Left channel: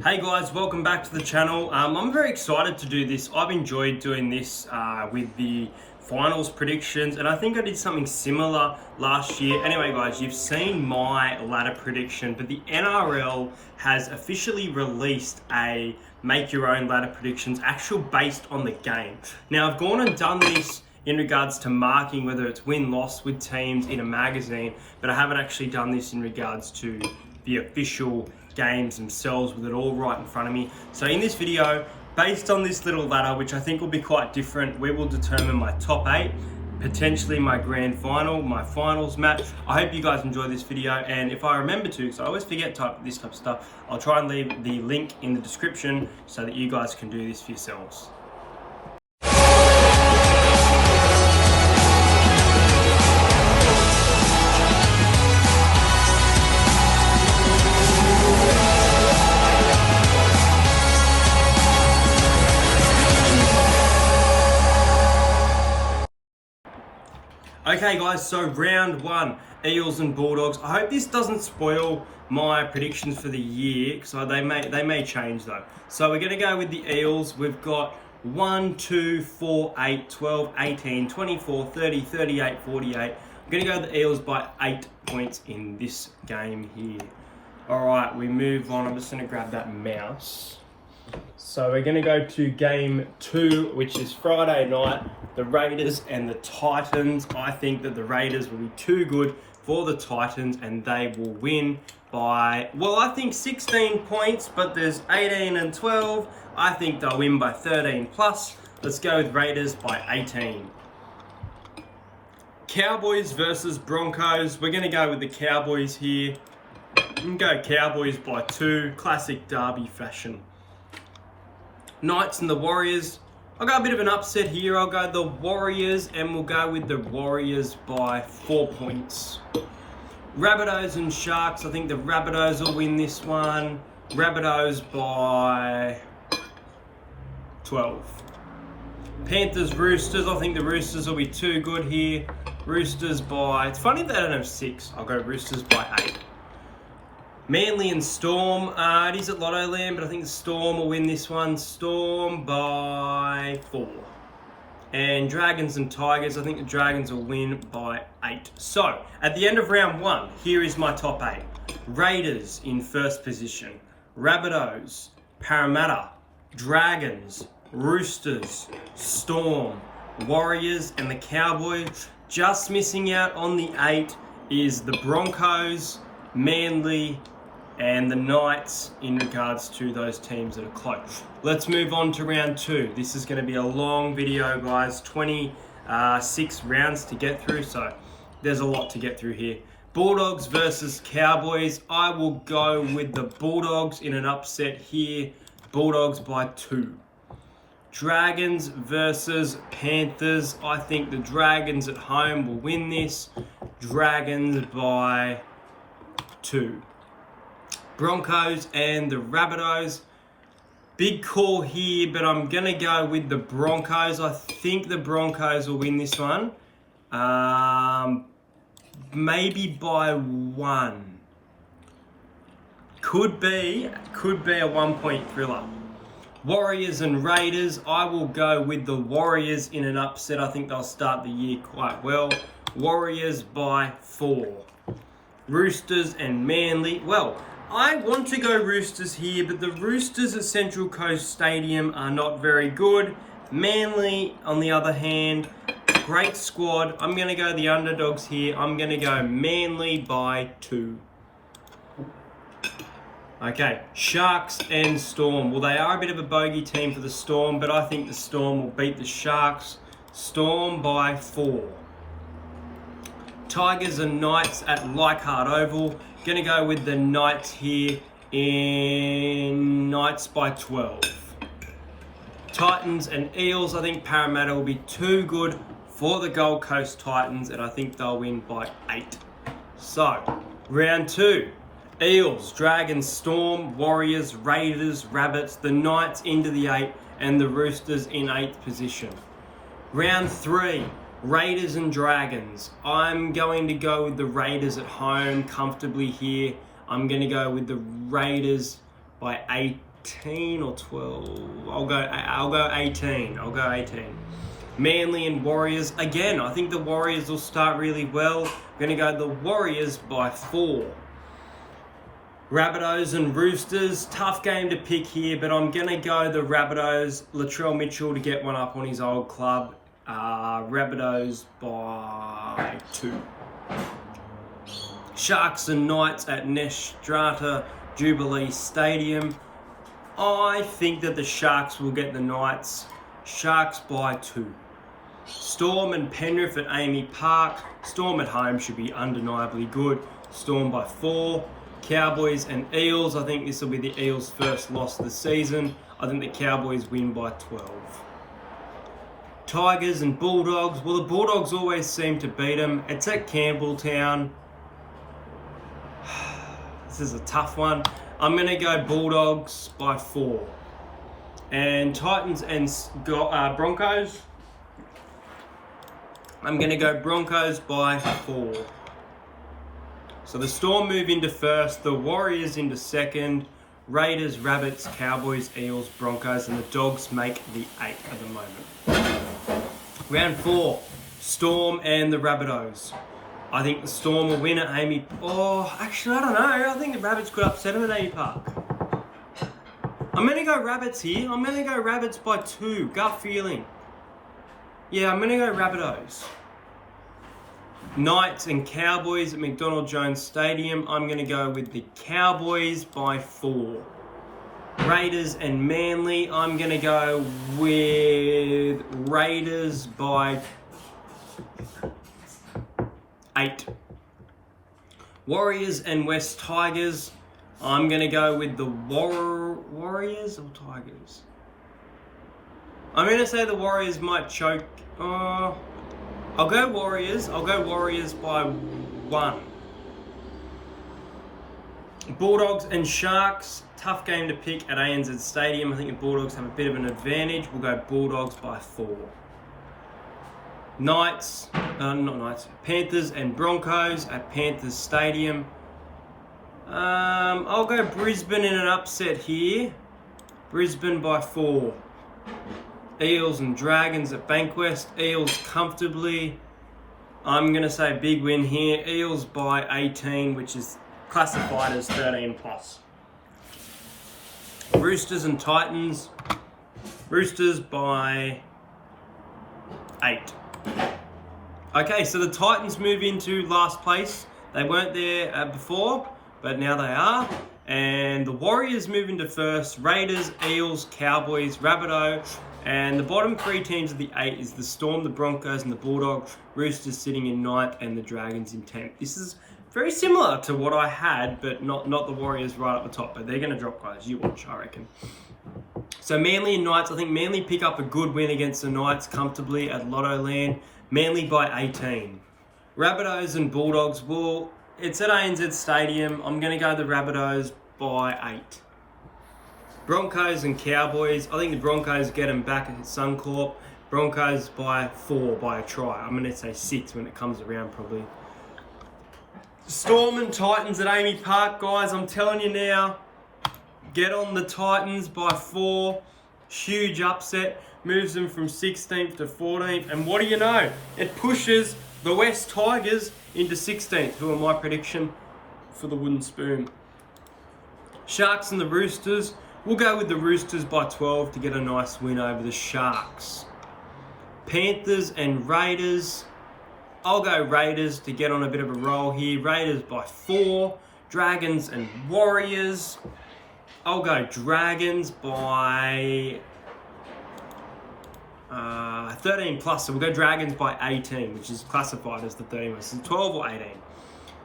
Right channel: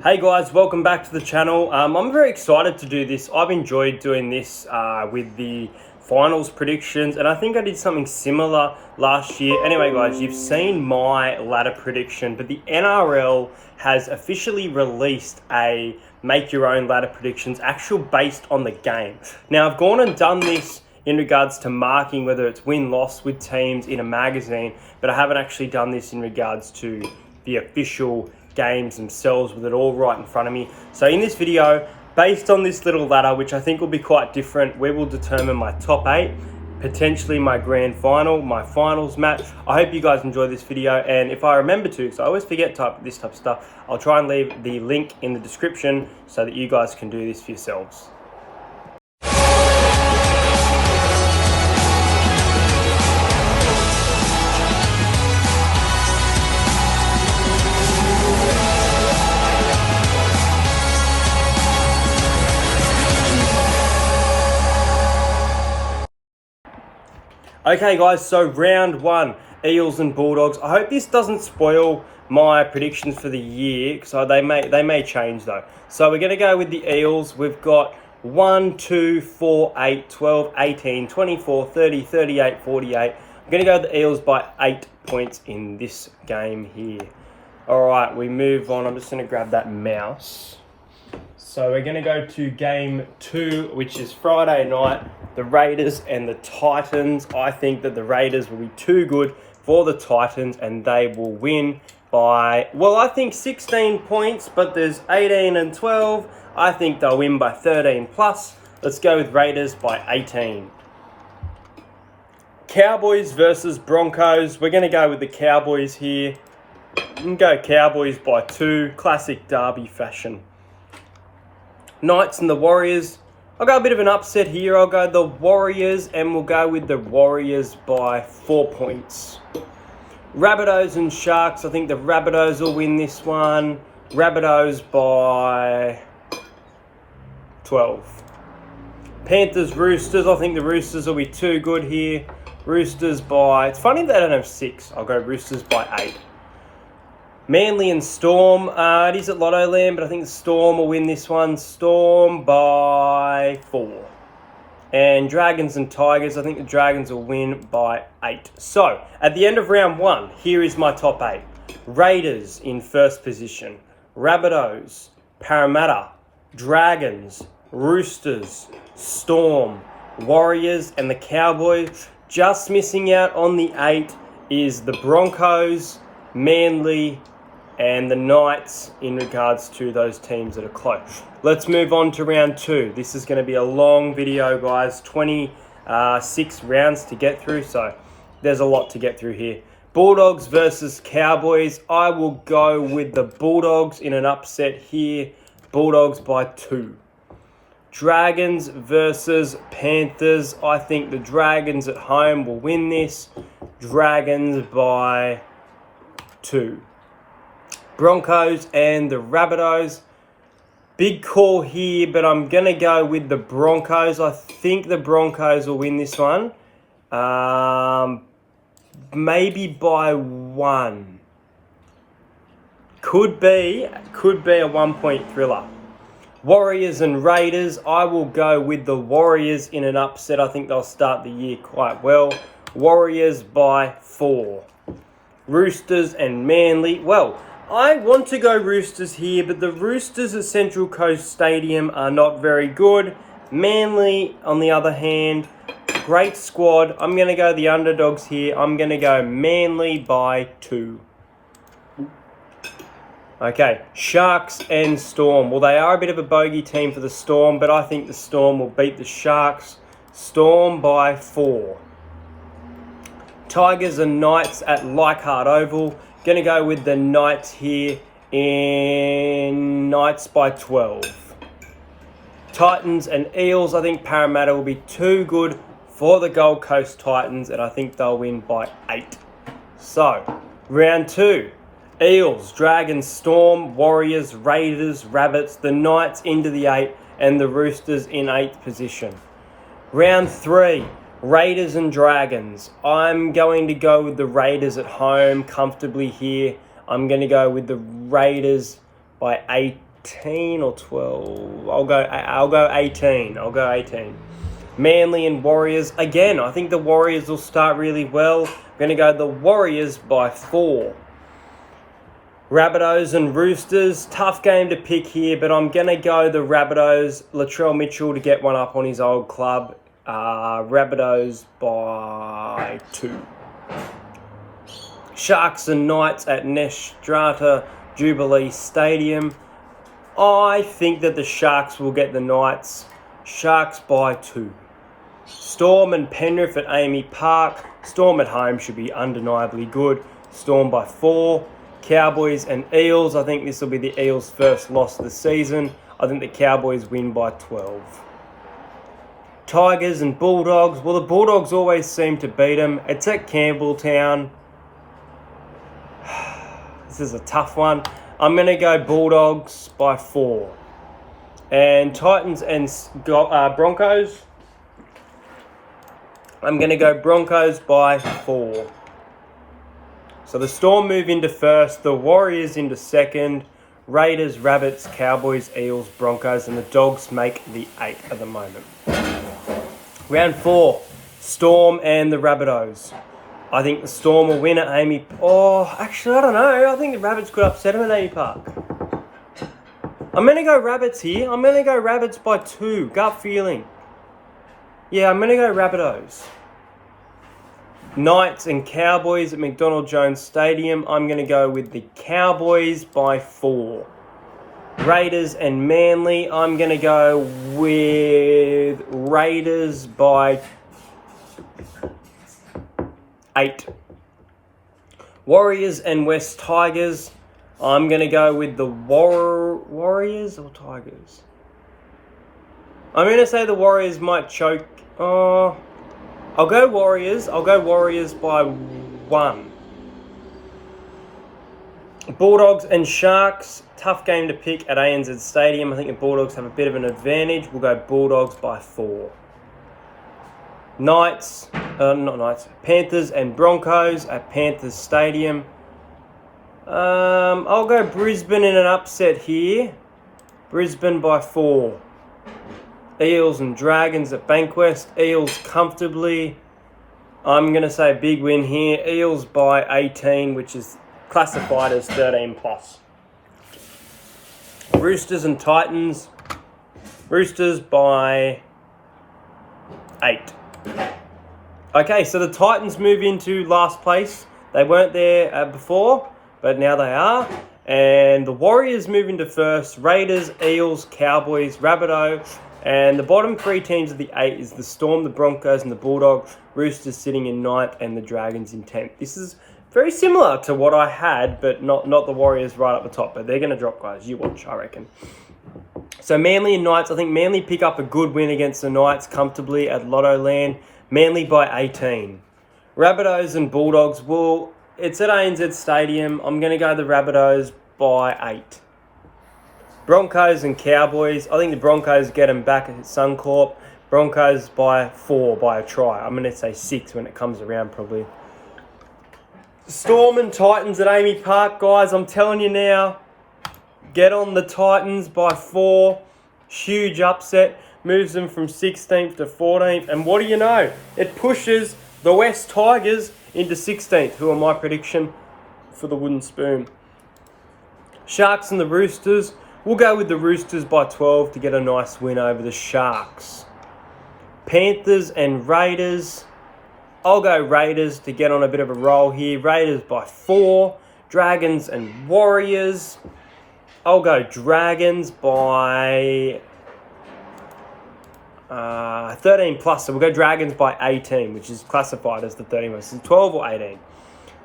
Hey guys, welcome back to the channel. I'm very excited to do this. I've enjoyed doing this with the finals predictions, and I think I did something similar last year. Anyway guys, you've seen my ladder prediction, but the NRL has officially released a make your own ladder predictions actual based on the game. Now I've gone and done this in regards to marking whether it's win-loss with teams in a magazine, but I haven't actually done this in regards to the official games themselves with it all right in front of me. So in this video, based on this little ladder, which I think will be quite different, we will determine my top 8, potentially my grand final, my finals match. I hope you guys enjoy this video, and if I remember to, because I always forget this type of stuff, I'll try and leave the link in the description so that you guys can do this for yourselves. Okay guys, so round 1, Eels and Bulldogs. I hope this doesn't spoil my predictions for the year, because they may change though. So we're going to go with the Eels. We've got 1, 2, 4, 8, 12, 18, 24, 30, 38, 48. I'm going to go with the Eels by 8 points in this game here. Alright, we move on. I'm just going to grab that mouse. So we're going to go to game 2, which is Friday night. The Raiders and the Titans. I think that the Raiders will be too good for the Titans and they will win by, well, I think 16 points, but there's 18 and 12. I think they'll win by 13 plus. Let's go with Raiders by 18. Cowboys versus Broncos. We're going to go with the Cowboys here. And go Cowboys by 2. Classic derby fashion. Knights and the Warriors. I'll go a bit of an upset here. I'll go the Warriors, and we'll go with the Warriors by 4 points. Rabbitohs and Sharks. I think the Rabbitohs will win this one. Rabbitohs by 12. Panthers, Roosters. I think the Roosters will be too good here. Roosters by... It's funny they don't have 6. I'll go Roosters by 8. Manly and Storm. It is at Lotto Land, but I think the Storm will win this one. Storm by 4. And Dragons and Tigers. I think the Dragons will win by 8. So, at the end of round 1, here is my top 8. Raiders in first position. Rabbitohs, Parramatta, Dragons, Roosters, Storm, Warriors, and the Cowboys. Just missing out on the 8 is the Broncos, Manly, and the Knights in regards to those teams that are close. Let's move on to round 2. This is going to be a long video, guys. 26 rounds to get through, so there's a lot to get through here. Bulldogs versus Cowboys. I will go with the Bulldogs in an upset here. Bulldogs by 2. Dragons versus Panthers. I think the Dragons at home will win this. Dragons by 2. Broncos and the Rabbitohs. Big call here, but I'm going to go with the Broncos. I think the Broncos will win this one. Maybe by 1. Could be a 1-point thriller. Warriors and Raiders. I will go with the Warriors in an upset. I think they'll start the year quite well. Warriors by 4. Roosters and Manly. Well, I want to go Roosters here, but the Roosters at Central Coast Stadium are not very good. Manly, on the other hand, great squad. I'm going to go the underdogs here. I'm going to go Manly by 2. Okay, Sharks and Storm. Well, they are a bit of a bogey team for the Storm, but I think the Storm will beat the Sharks. Storm by 4. Tigers and Knights at Leichhardt Oval. Going to go with the Knights here in Knights by 12. Titans and Eels. I think Parramatta will be too good for the Gold Coast Titans, and I think they'll win by 8. So, round 2. Eels, Dragons, Storm, Warriors, Raiders, Rabbits, the Knights into the 8, and the Roosters in 8th position. Round 3. Raiders and Dragons. I'm going to go with the Raiders at home comfortably here. I'm going to go with the Raiders by 18 or 12. I'll go 18. I'll go 18. Manly and Warriors. Again, I think the Warriors will start really well. I'm going to go the Warriors by 4. Rabbitohs and Roosters. Tough game to pick here, but I'm going to go the Rabbitohs. Latrell Mitchell to get one up on his old club. Rabbitohs by 2. Sharks and Knights at Nestrata Jubilee Stadium. I think that the Sharks will get the Knights. Sharks by 2. Storm and Penrith at Amy Park. Storm at home should be undeniably good. Storm by 4. Cowboys and Eels. I think this will be the Eels' first loss of the season. I think the Cowboys win by 12. Tigers and Bulldogs. Well, the Bulldogs always seem to beat them. It's at Campbelltown. This is a tough one. I'm going to go Bulldogs by 4. And Titans and Broncos. I'm going to go Broncos by 4. So the Storm move into first, the Warriors into second, Raiders, Rabbits, Cowboys, Eels, Broncos, and the Dogs make the 8 at the moment. Round 4, Storm and the Rabbitohs. I think the Storm will win at Amy... Oh, actually, I don't know. I think the Rabbits could upset them at Amy Park. I'm going to go Rabbits here. I'm going to go Rabbits by 2. Gut feeling. Yeah, I'm going to go Rabbitohs. Knights and Cowboys at McDonald Jones Stadium. I'm going to go with the Cowboys by 4. Raiders and Manly. I'm going to go with Raiders by 8. Warriors and West Tigers. I'm going to go with the Warriors or Tigers? I'm going to say the Warriors might choke. I'll go Warriors. I'll go Warriors by 1. Bulldogs and Sharks. Tough game to pick at ANZ Stadium. I think the Bulldogs have a bit of an advantage. We'll go Bulldogs by 4. Panthers and Broncos at Panthers Stadium. I'll go Brisbane in an upset here. Brisbane by 4. Eels and Dragons at Bankwest. Eels comfortably. I'm going to say a big win here. Eels by 18, which is classified as 13 plus. Roosters and Titans. Roosters by 8. Okay, so the Titans move into last place. They weren't there before, but now they are. And the Warriors move into first. Raiders, Eels, Cowboys, Rabbitoh. And the bottom 3 teams of the 8 is the Storm, the Broncos, and the Bulldogs. Roosters sitting in 9th and the Dragons in 10th. This is very similar to what I had, but not the Warriors right up the top. But they're going to drop, guys. You watch, I reckon. So Manly and Knights. I think Manly pick up a good win against the Knights comfortably at Lotto Land. Manly by 18. Rabbitohs and Bulldogs. Well, it's at ANZ Stadium. I'm going to go the Rabbitohs by 8. Broncos and Cowboys. I think the Broncos get them back at Suncorp. Broncos by 4 by a try. I'm going to say 6 when it comes around probably. Storm and Titans at Amy Park, guys. I'm telling you now. Get on the Titans by 4. Huge upset. Moves them from 16th to 14th. And what do you know? It pushes the West Tigers into 16th, who are my prediction for the wooden spoon. Sharks and the Roosters. We'll go with the Roosters by 12 to get a nice win over the Sharks. Panthers and Raiders. I'll go Raiders to get on a bit of a roll here. Raiders by 4. Dragons and Warriors. I'll go Dragons by 13 plus. So we'll go Dragons by 18, which is classified as the 13 most. So 12 or 18.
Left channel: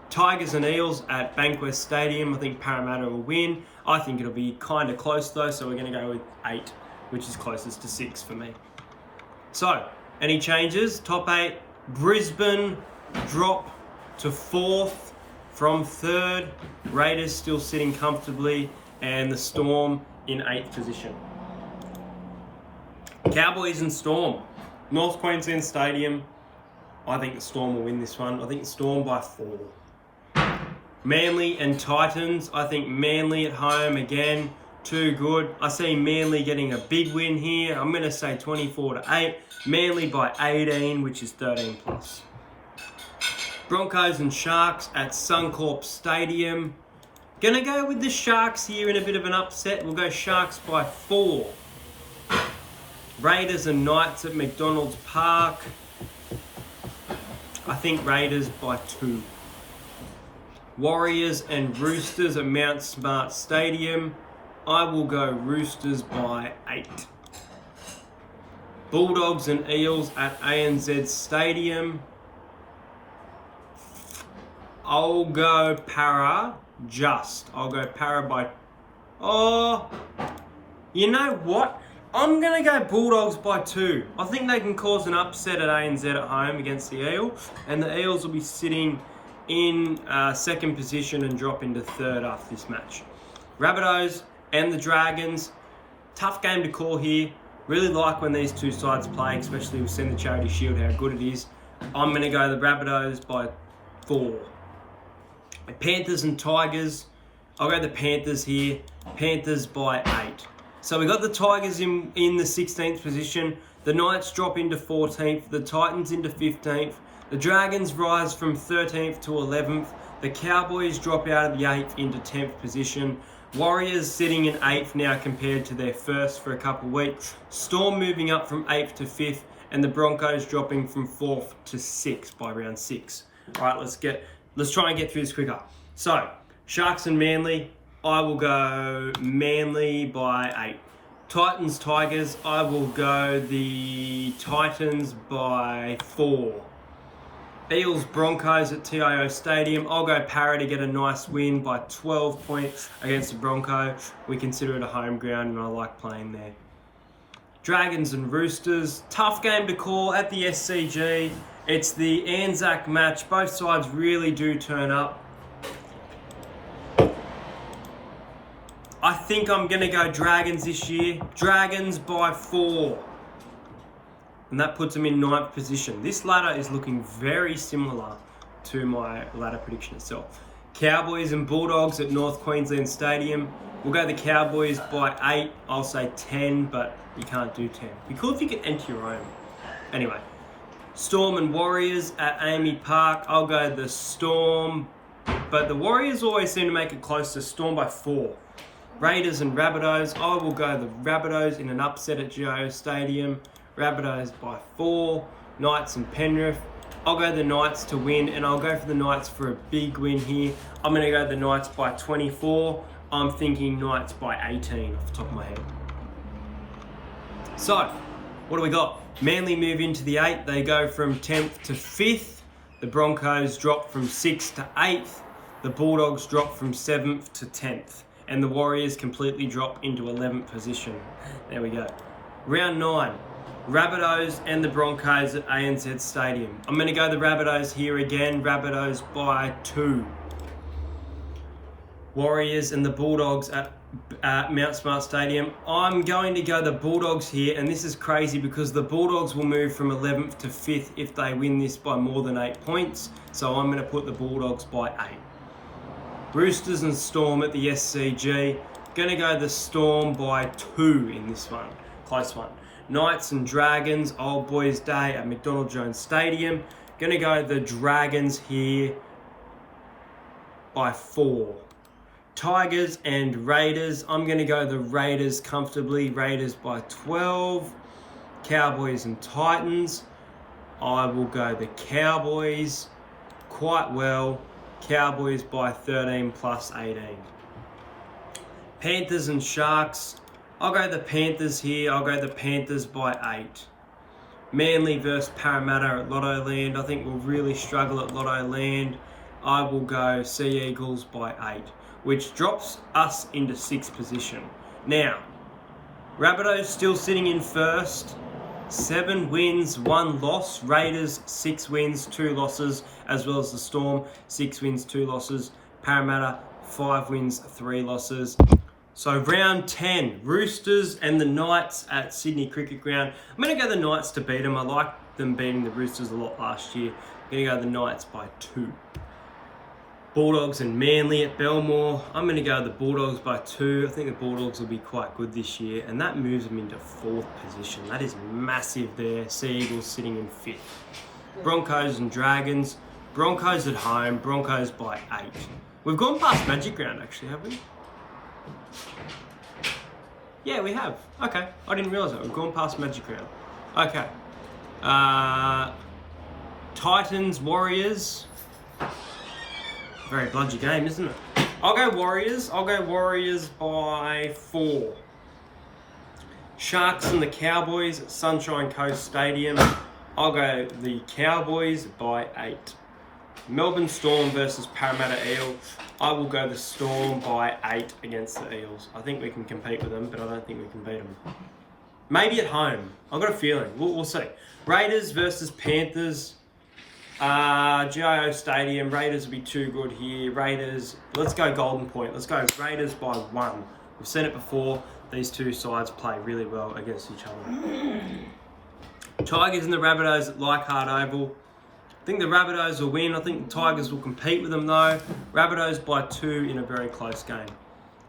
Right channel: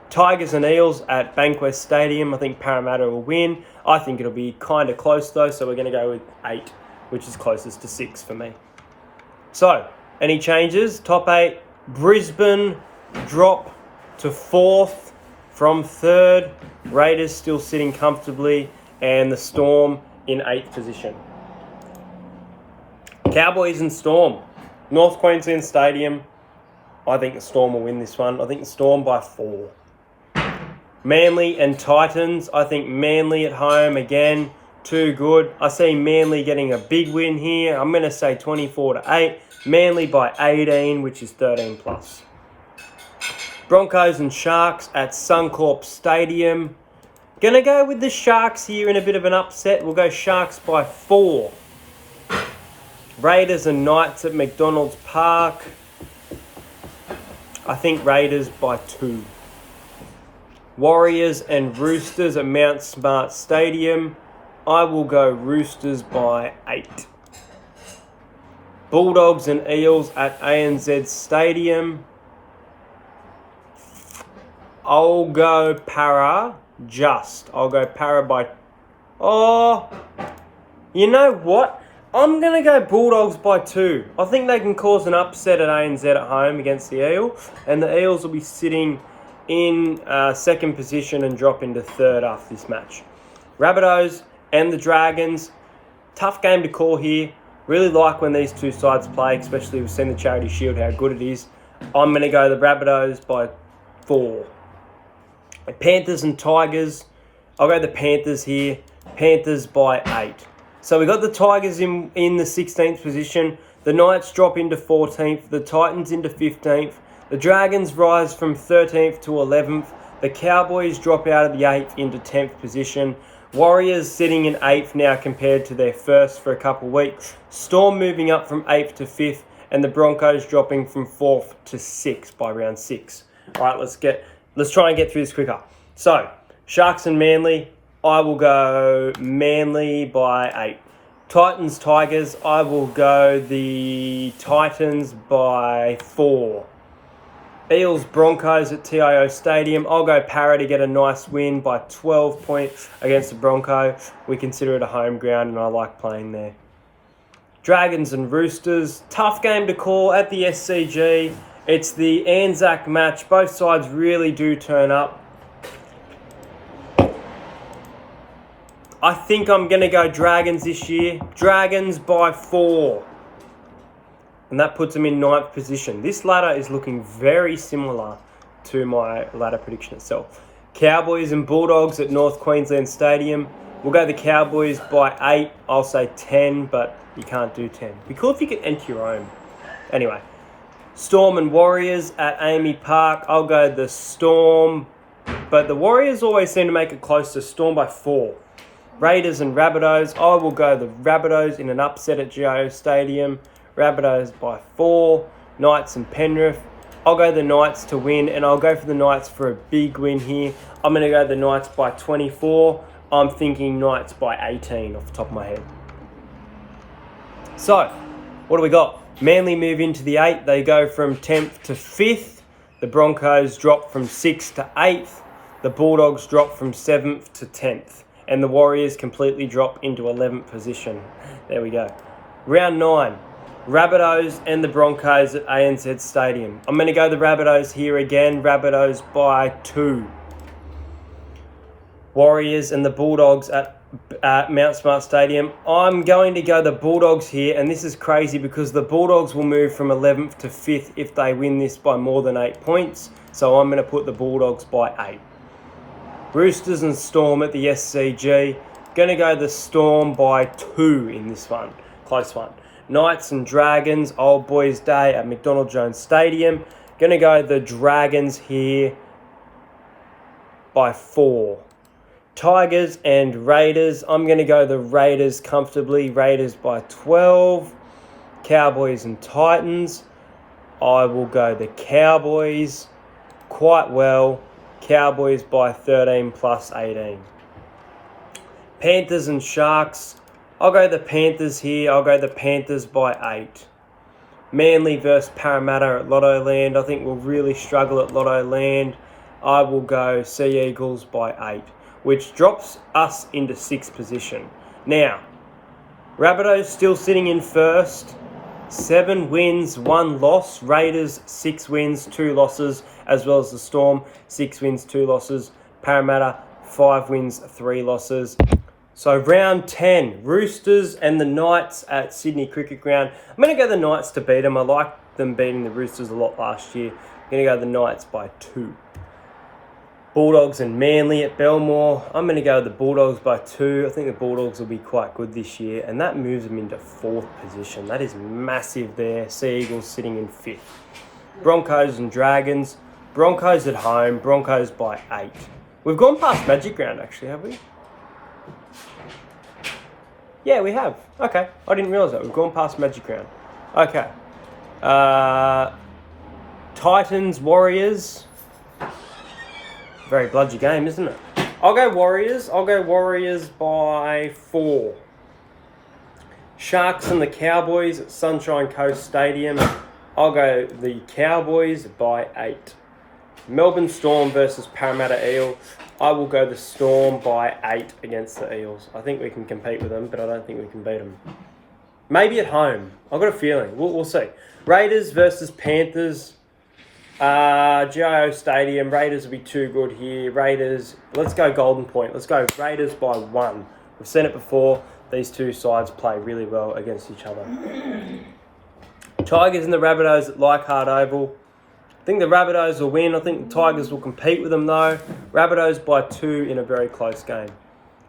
Tigers and Eels at Bankwest Stadium. I think Parramatta will win. I think it'll be kind of close though, so we're going to go with 8, which is closest to 6 for me. So, any changes? Top 8. Brisbane drop to 4th from 3rd. Raiders still sitting comfortably. And the Storm in 8th position. Cowboys and Storm. North Queensland Stadium. I think the Storm will win this one. I think the Storm by 4. Manly and Titans. I think Manly at home again. too good. I see Manly getting a big win here. I'm going to say 24-8. Manly by 18, which is 13 plus. Broncos and Sharks at Suncorp Stadium. Going to go with the Sharks here in a bit of an upset. We'll go Sharks by 4. Raiders and Knights at McDonald's Park. I think Raiders by 2. Warriors and Roosters at Mount Smart Stadium. I will go Roosters by 8. Bulldogs and Eels at ANZ Stadium. I'll go Para just. I'll go Para by... Oh, you know what? I'm going to go Bulldogs by 2. I think they can cause an upset at ANZ at home against the Eel. And the Eels will be sitting in second position and drop into third after this match. Rabbitohs and the Dragons. Tough game to call here. Really like when these two sides play, especially we've seen the Charity Shield, how good it is. I'm going to go the Rabbitohs by 4. Panthers and Tigers. I'll go the Panthers here. Panthers by 8. So we got the Tigers in the 16th position. The Knights drop into 14th. The Titans into 15th. The Dragons rise from 13th to 11th. The Cowboys drop out of the 8th into 10th position. Warriors sitting in 8th now compared to their first for a couple of weeks. Storm moving up from 8th to 5th. And the Broncos dropping from 4th to 6th by round 6. All right, let's try and get through this quicker. So, Sharks and Manly. I will go Manly by 8. Titans, Tigers. I will go the Titans by 4. Eels, Broncos at TIO Stadium. I'll go Para to get a nice win by 12 points against the Bronco. We consider it a home ground and I like playing there. Dragons and Roosters. Tough game to call at the SCG. It's the Anzac match. Both sides really do turn up. I think I'm going to go Dragons this year. Dragons by 4. And that puts them in 9th position. This ladder is looking very similar to my ladder prediction itself. Cowboys and Bulldogs at North Queensland Stadium. We'll go the Cowboys by 8. I'll say 10, but you can't do 10. Be cool if you could enter your own. Anyway. Storm and Warriors at Amy Park. I'll go the Storm. But the Warriors always seem to make it close to Storm by 4. Raiders and Rabbitohs. I will go the Rabbitohs in an upset at GIO Stadium. Rabbitohs by 4. Knights and Penrith. I'll go the Knights to win, and I'll go for the Knights for a big win here. I'm going to go the Knights by 24. I'm thinking Knights by 18 off the top of my head. So, what do we got? Manly move into the 8th. They go from 10th to 5th. The Broncos drop from 6th to 8th. The Bulldogs drop from 7th to 10th. And the Warriors completely drop into 11th position. There we go. Round 9. Rabbitohs and the Broncos at ANZ Stadium. I'm going to go the Rabbitohs here again. Rabbitohs by 2. Warriors and the Bulldogs at Mount Smart Stadium. I'm going to go the Bulldogs here. And this is crazy because the Bulldogs will move from 11th to 5th if they win this by more than 8 points. So I'm going to put the Bulldogs by 8. Roosters and Storm at the SCG. Going to go the Storm by 2 in this one. Close one. Knights and Dragons. Old Boys Day at McDonald Jones Stadium. Going to go the Dragons here by 4. Tigers and Raiders. I'm going to go the Raiders comfortably. Raiders by 12. Cowboys and Titans. I will go the Cowboys quite well. Cowboys by 13 plus 18. Panthers and Sharks. I'll go the Panthers here. I'll go the Panthers by 8. Manly versus Parramatta at Lotto Land. I think we'll really struggle at Lotto Land. I will go Sea Eagles by 8, which drops us into 6th position. Now, Rabbitohs still sitting in first. 7 wins, 1 loss. Raiders, 6 wins, 2 losses, as well as the Storm, 6 wins, 2 losses. Parramatta, 5 wins, 3 losses. So round 10, Roosters and the Knights at Sydney Cricket Ground. I'm going to go the Knights to beat them. I like them beating the Roosters a lot last year. I'm going to go the Knights by 2. Bulldogs and Manly at Belmore. I'm going to go with the Bulldogs by 2. I think the Bulldogs will be quite good this year, and that moves them into 4th position. That is massive there. Sea Eagles sitting in 5th. Broncos and Dragons. Broncos at home. Broncos by 8. We've gone past Magic Round, actually, have we? Yeah, we have. Okay. I didn't realise that. We've gone past Magic Round. Okay. Titans, Warriors. Very bludgy game, isn't it? I'll go Warriors. I'll go Warriors by 4. Sharks and the Cowboys at Sunshine Coast Stadium. I'll go the Cowboys by 8. Melbourne Storm versus Parramatta Eel. I will go the Storm by 8 against the Eels. I think we can compete with them, but I don't think we can beat them. Maybe at home. I've got a feeling. We'll see. Raiders versus Panthers. GIO Stadium. Raiders will be too good here. Raiders. Let's go Golden Point. Let's go Raiders by 1. We've seen it before. These two sides play really well against each other. Tigers and the Rabbitohs at Leichhardt Oval. I think the Rabbitohs will win. I think the Tigers will compete with them though. Rabbitohs by 2 in a very close game.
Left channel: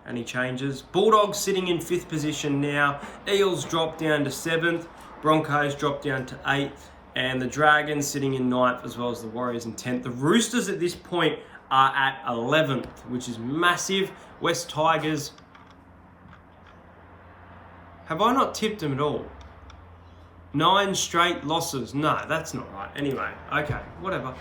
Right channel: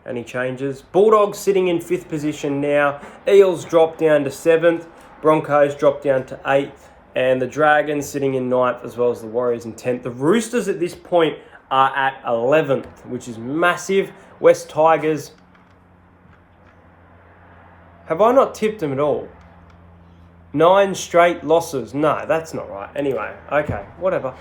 Any changes? Bulldogs sitting in 5th position now. Eels drop down to 7th. Broncos drop down to 8th. And the Dragons sitting in 9th as well as the Warriors in 10th. The Roosters at this point are at 11th, which is massive. West Tigers. Have I not tipped them at all? 9 straight losses. No, that's not right. Anyway, okay, whatever.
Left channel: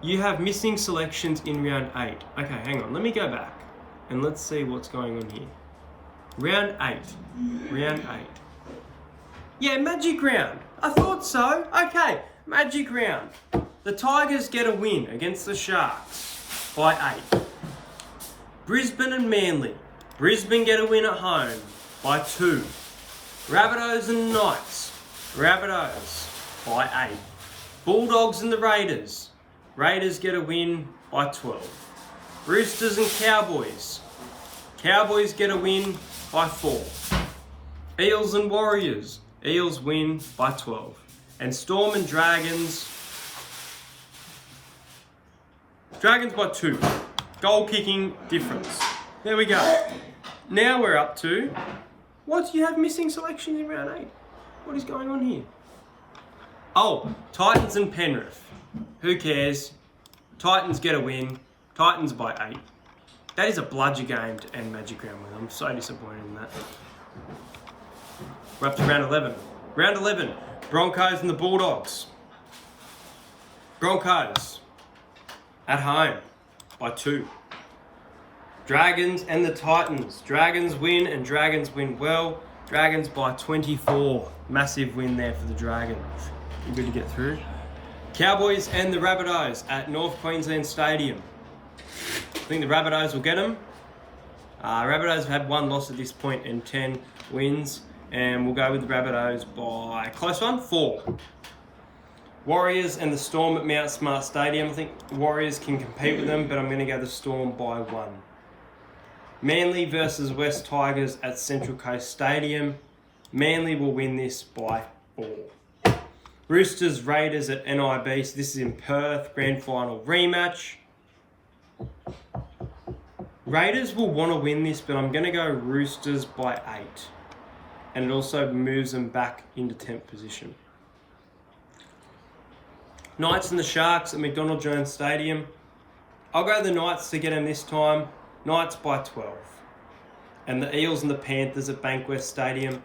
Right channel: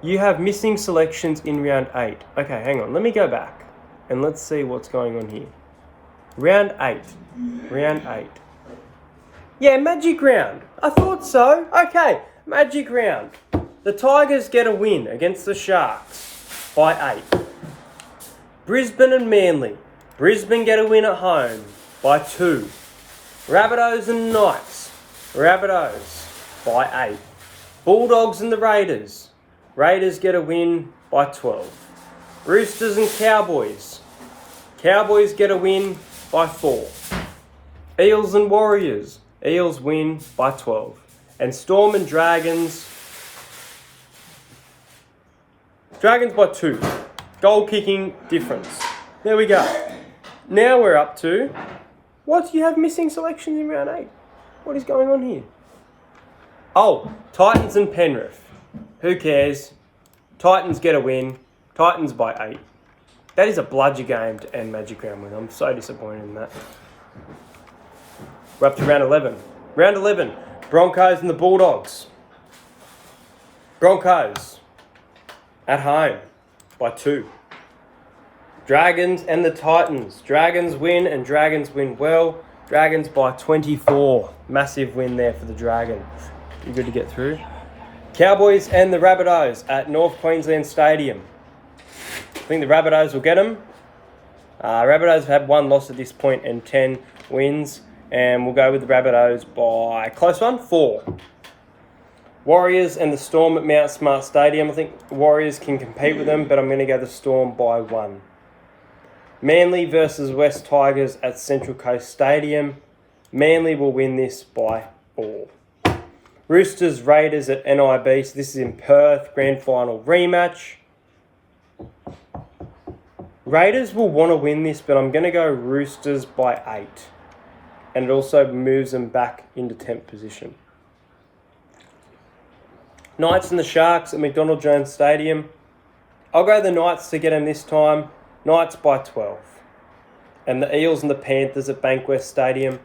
You have missing selections in round 8. Okay, hang on. Let me go back and let's see what's going on here. Round 8. Round 8. Yeah, Magic Round. I thought so. Okay, Magic Round. The Tigers get a win against the Sharks by 8. Brisbane and Manly. Brisbane get a win at home by 2. Rabbitohs and Knights. Rabbitohs by 8. Bulldogs and the Raiders. Raiders get a win by 12. Roosters and Cowboys. Cowboys get a win by 4. Eels and Warriors. Eels win by 12. And Storm and Dragons. Dragons by 2. Goal kicking difference. There we go. Now we're up to... What do you have missing selections in round 8? What is going on here? Oh, Titans and Penrith. Who cares? Titans get a win. Titans by 8. That is a bludger game to end Magic Round with. I'm so disappointed in that. We're up to round 11. Round 11. Broncos and the Bulldogs. Broncos at home by 2. Dragons and the Titans. Dragons win and Dragons win well. Dragons by 24. Massive win there for the Dragons. You good to get through? Cowboys and the Rabbitohs at North Queensland Stadium. I think the Rabbitohs will get them. Rabbitohs have had 1 loss at this point and 10 wins. And we'll go with the Rabbitohs by, close one, 4. Warriors and the Storm at Mount Smart Stadium. I think Warriors can compete with them, but I'm going to go the Storm by 1. Manly versus West Tigers at Central Coast Stadium. Manly will win this by 4. Roosters, Raiders at NIB. So this is in Perth, grand final rematch. Raiders will want to win this, but I'm going to go Roosters by 8. And it also moves them back into 10th position. Knights and the Sharks at McDonald Jones Stadium. I'll go the Knights to get them this time. Knights by 12. And the Eels and the Panthers at Bankwest Stadium.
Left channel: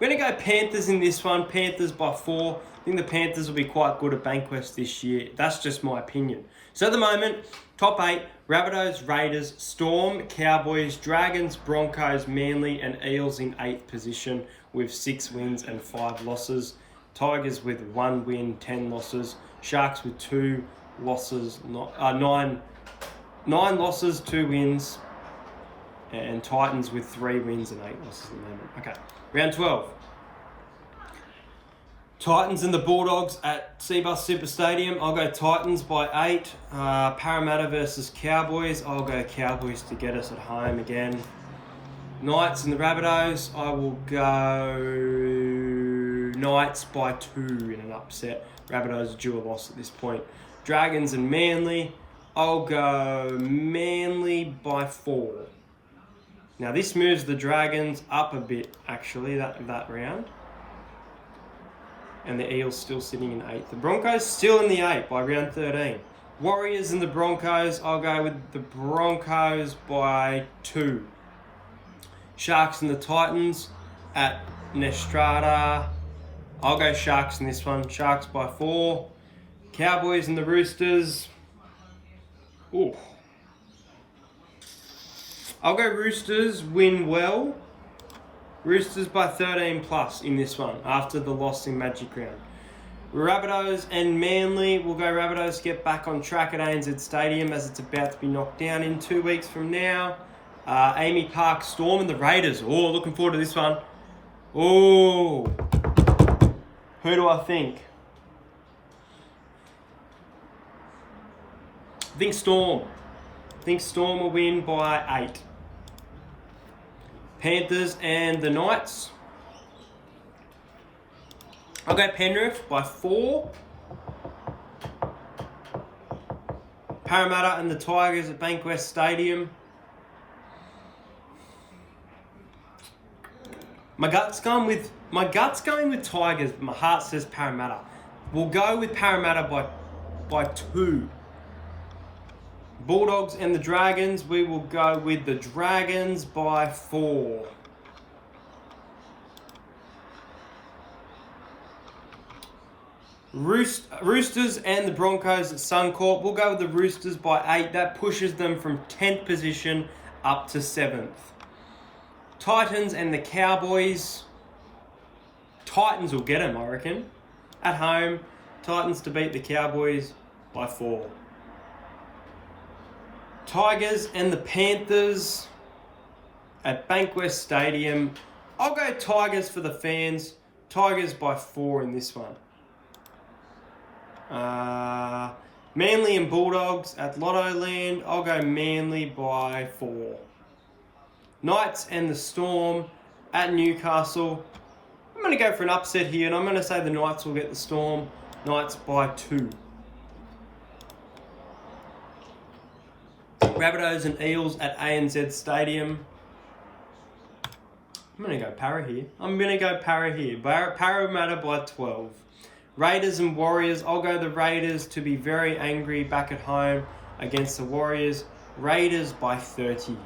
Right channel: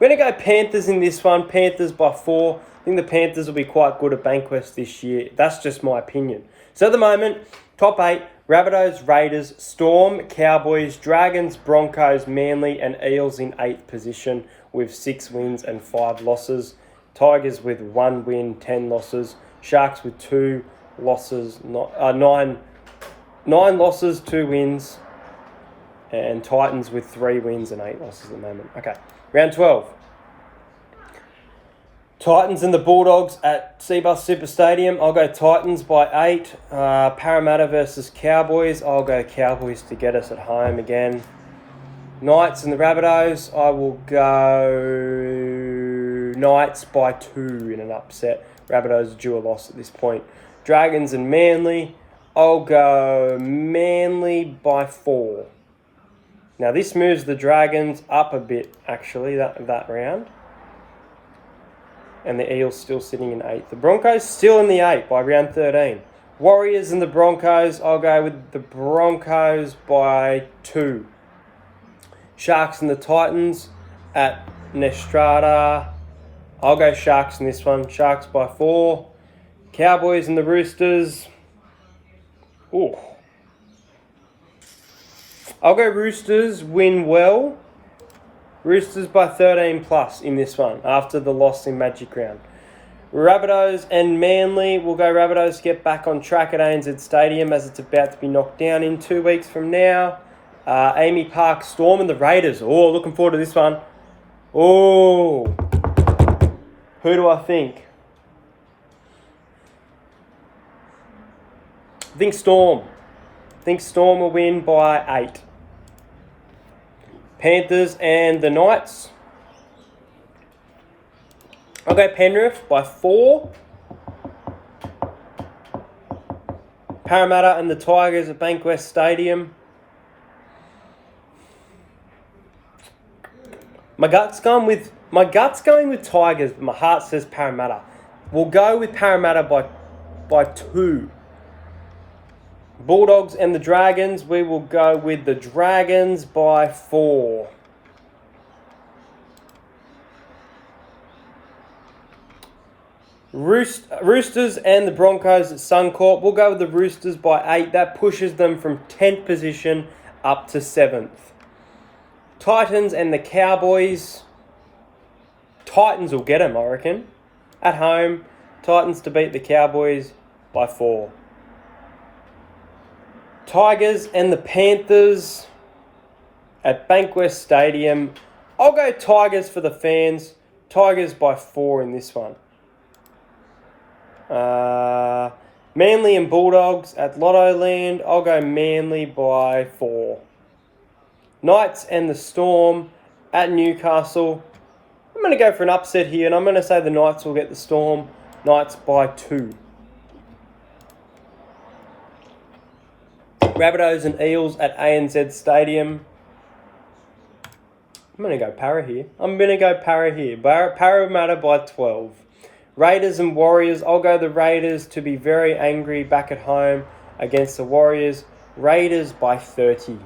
We're going to go Panthers in this one. Panthers by 4. I think the Panthers will be quite good at Bankwest this year. That's just my opinion. So at the moment, top 8, Rabbitohs, Raiders, Storm, Cowboys, Dragons, Broncos, Manly and Eels in 8th position with 6 wins and 5 losses. Tigers with 1 win, 10 losses. Sharks with 2 losses, 9 losses, 2 wins. And Titans with 3 wins and 8 losses at the moment. Okay, round 12. Titans and the Bulldogs at Seabus Super Stadium. I'll go Titans by 8. Parramatta versus Cowboys. I'll go Cowboys to get us at home again. Knights and the Rabbitohs. I will go Knights by 2 in an upset. Rabbitohs due a loss at this point. Dragons and Manly. I'll go Manly by 4. Now this moves the Dragons up a bit, actually, that round. And the Eels still sitting in 8th. The Broncos still in the 8 by round 13. Warriors and the Broncos, I'll go with the Broncos by 2. Sharks and the Titans at Nestrata. I'll go Sharks in this one. Sharks by 4. Cowboys and the Roosters. Ooh. I'll go Roosters, win well. Roosters by 13 plus in this one after the loss in Magic Round. Rabbitohs and Manly. We'll go Rabbitohs to get back on track at ANZ Stadium as it's about to be knocked down in 2 weeks from now. Amy Park Storm and the Raiders. Oh, looking forward to this one. Oh, who do I think? I think Storm. I think Storm will win by 8. Panthers and the Knights. I'll go Penrith by 4. Parramatta and the Tigers at Bankwest Stadium. My gut's going with Tigers, but my heart says Parramatta. We'll go with Parramatta by 2. Bulldogs and the Dragons. We will go with the Dragons by 4. Roosters and the Broncos at Suncorp. We'll go with the Roosters by 8. That pushes them from 10th position up to 7th. Titans and the Cowboys. Titans will get them, I reckon. At home, Titans to beat the Cowboys by 4. Tigers and the Panthers at Bankwest Stadium. I'll go Tigers for the fans. Tigers by 4 in this one. Manly and Bulldogs at Lotto Land. I'll go Manly by 4. Knights and the Storm at Newcastle. I'm going to go for an upset here, and I'm going to say the Knights will get the Storm. Knights by 2. Rabbitohs and Eels at ANZ Stadium. I'm going to go Para here. Parramatta by 12. Raiders and Warriors. I'll go the Raiders to be very angry back at home against the Warriors. Raiders by 30.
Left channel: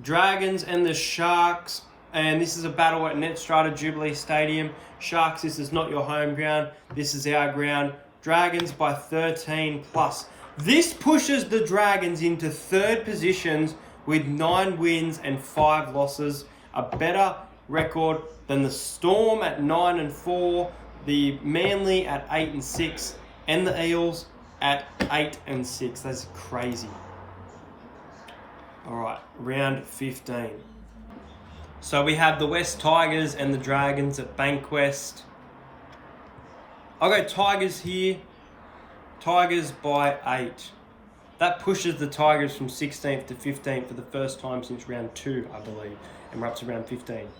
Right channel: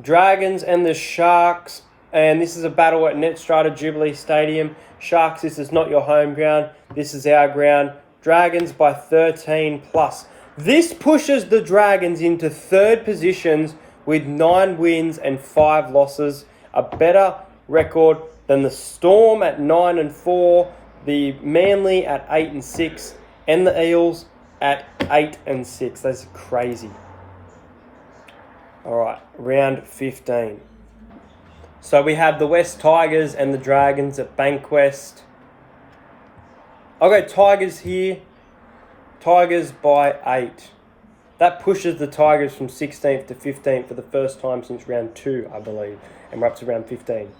Dragons and the Sharks. And this is a battle at Netstrata Jubilee Stadium. Sharks, this is not your home ground. This is our ground. Dragons by 13 plus. This pushes the Dragons into 3rd positions with 9 wins and 5 losses. A better record than the Storm at 9 and 4. The Manly at 8 and 6, and the Eels at 8 and 6. That's crazy. All right, round 15. So we have the West Tigers and the Dragons at Bankwest. I'll go Tigers here. Tigers by 8. That pushes the Tigers from 16th to 15th for the first time since round 2, I believe, and we're up to round 15.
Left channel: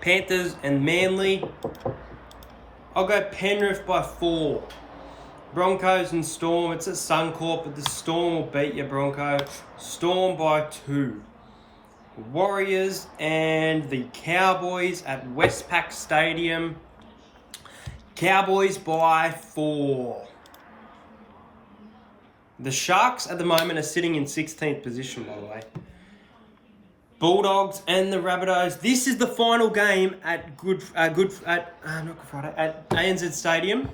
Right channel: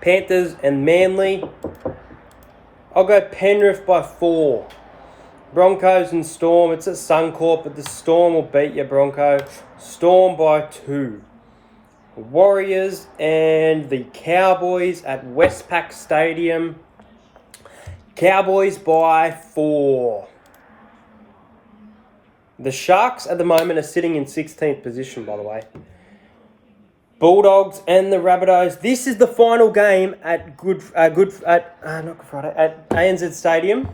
Panthers and Manly. I'll go Penrith by 4. Broncos and Storm. It's at Suncorp, but the Storm will beat you, Bronco. Storm by 2. Warriors and the Cowboys at Westpac Stadium. Cowboys by 4. The Sharks at the moment are sitting in 16th position, by the way. Bulldogs and the Rabbitohs. This is the final game at ANZ Stadium.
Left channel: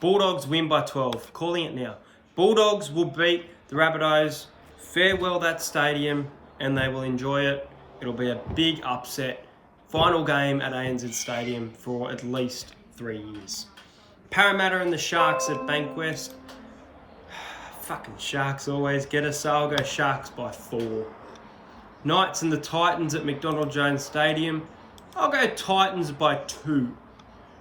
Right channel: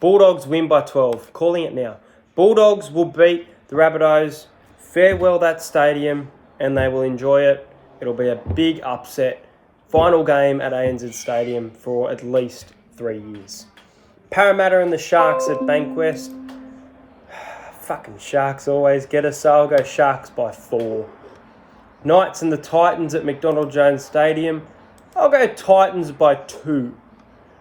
Bulldogs win by 12. Calling it now. Bulldogs will beat the Rabbitohs. Farewell that stadium, and they will enjoy it. It'll be a big upset. Final game at ANZ Stadium for at least 3 years. Parramatta and the Sharks at Bankwest. Fucking Sharks always get us, so I'll go Sharks by 4. Knights and the Titans at McDonald Jones Stadium. I'll go Titans by 2.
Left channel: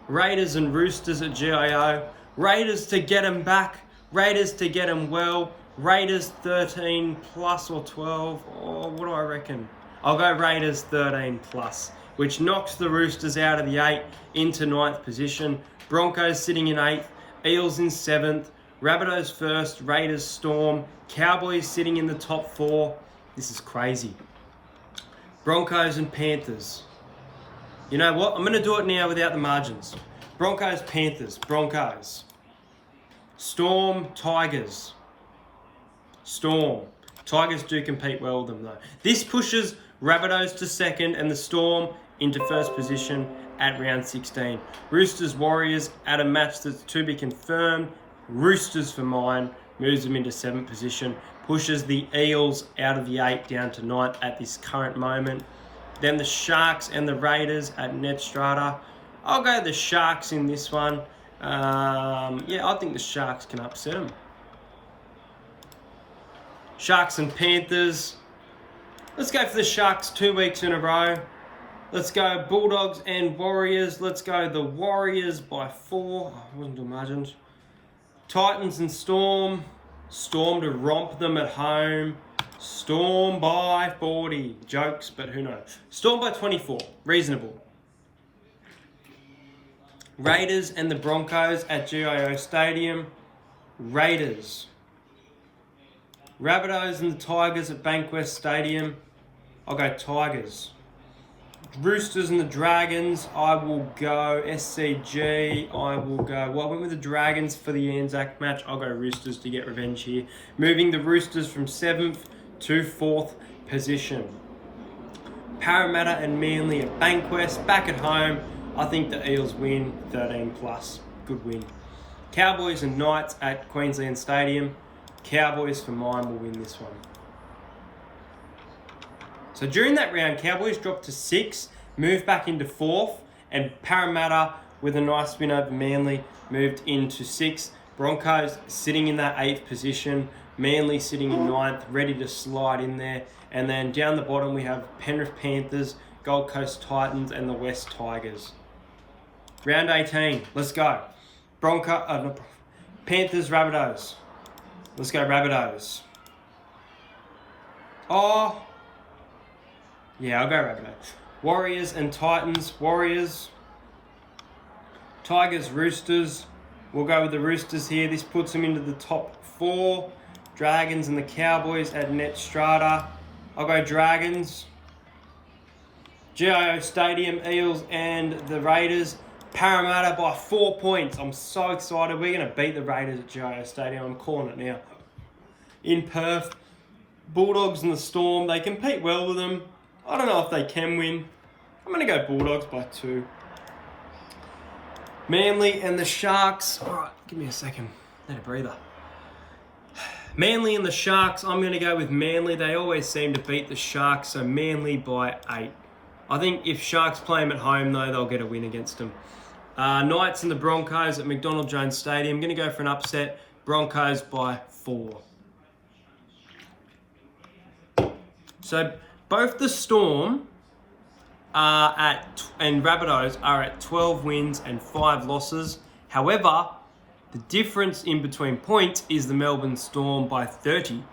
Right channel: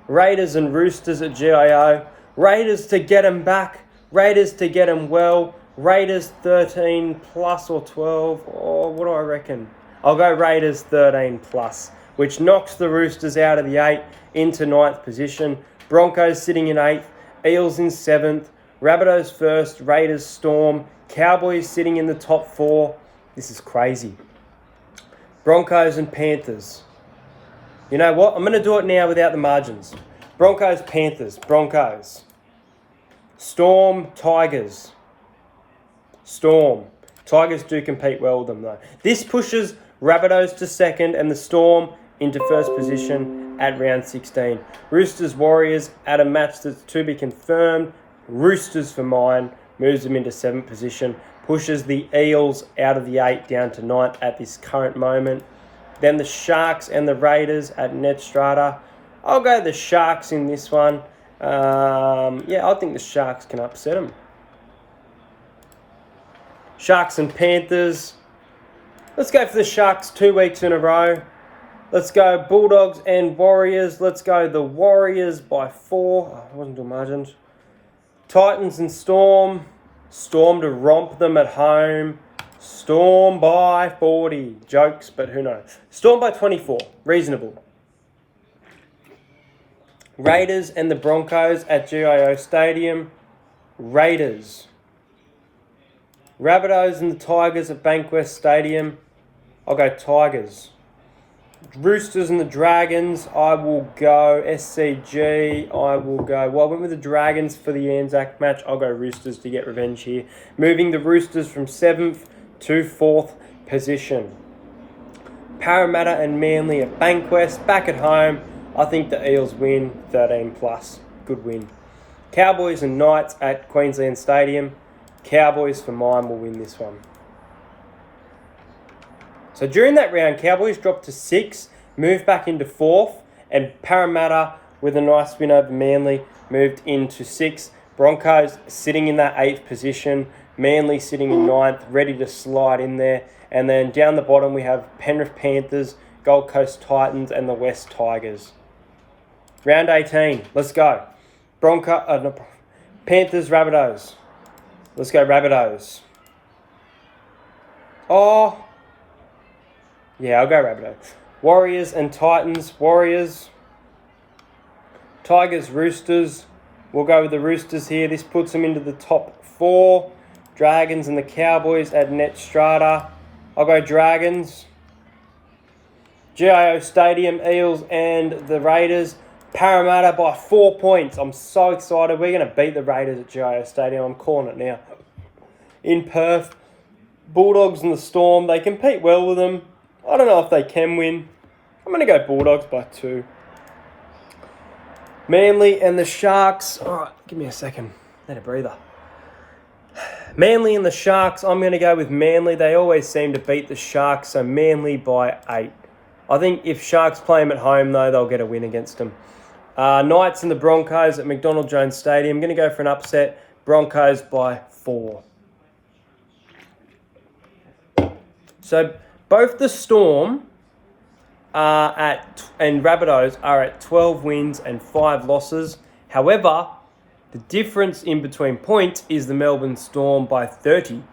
Raiders and Roosters at GIO. Raiders to get them back. Raiders to get them well. Raiders 13 plus or 12. Oh, what do I reckon? I'll go Raiders 13 plus, which knocks the Roosters out of the 8 into 9th position. Broncos sitting in 8th. Eels in 7th. Rabbitohs first. Raiders, Storm. Cowboys sitting in the top 4. This is crazy. Broncos and Panthers. You know what? I'm going to do it now without the margins. Broncos, Panthers. Broncos. Storm, Tigers. Storm. Tigers do compete well with them though. This pushes Rabbitohs to 2nd and the Storm into 1st position at round 16. Roosters, Warriors at a match that's to be confirmed. Roosters for mine. Moves them into 7th position. Pushes the Eels out of the 8 down to 9th at this current moment. Then the Sharks and the Raiders at Ned Strata. I'll go the Sharks in this one. I think the Sharks can upset them. Sharks and Panthers. Let's go for the Sharks 2 weeks in a row. Let's go Bulldogs and Warriors. Let's go the Warriors by 4. Oh, I wasn't doing margins. Titans and Storm. Storm to romp them at home. Storm by 40. Jokes, but who knows. Storm by 24. Reasonable. Raiders and the Broncos at GIO Stadium. Raiders. Rabbitohs and the Tigers at Bankwest Stadium. I'll go Tigers. Roosters and the Dragons. I will go SCG. I went with the Dragons for the Anzac match. I'll go Roosters to get revenge here. Moving the Roosters from 7th to 4th position. Parramatta and Manly at Bankwest. Back at home. I think the Eels win 13 plus. Good win. Cowboys and Knights at Queensland Stadium. Cowboys for mine will win this one. So during that round, Cowboys dropped to 6, moved back into 4th, and Parramatta, with a nice win over Manly, moved into 6th. Broncos sitting in that 8th position. Manly sitting in 9th, ready to slide in there. And then down the bottom, we have Penrith Panthers, Gold Coast Titans, and the West Tigers. Round 18, let's go. Panthers, Rabbitohs. Let's go Rabbitohs. Oh, yeah, I'll go Rabbitohs. Warriors and Titans. Warriors. Tigers, Roosters. We'll go with the Roosters here. This puts them into the top 4. Dragons and the Cowboys at Net Strata. I'll go Dragons. GIO Stadium, Eels and the Raiders. Parramatta by 4 points. I'm so excited. We're going to beat the Raiders at GIO Stadium. I'm calling it now. In Perth. Bulldogs and the Storm. They compete well with them. I don't know if they can win. I'm going to go Bulldogs by 2. Manly and the Sharks. All right, give me a second. Need a breather. Manly and the Sharks. I'm going to go with Manly. They always seem to beat the Sharks, so Manly by 8. I think if Sharks play them at home, though, they'll get a win against them. Knights and the Broncos at McDonald Jones Stadium. I'm going to go for an upset. Broncos by 4. So both the Storm and Rabbitohs are at 12 wins and 5 losses. However, the difference in between points is the Melbourne Storm by 30.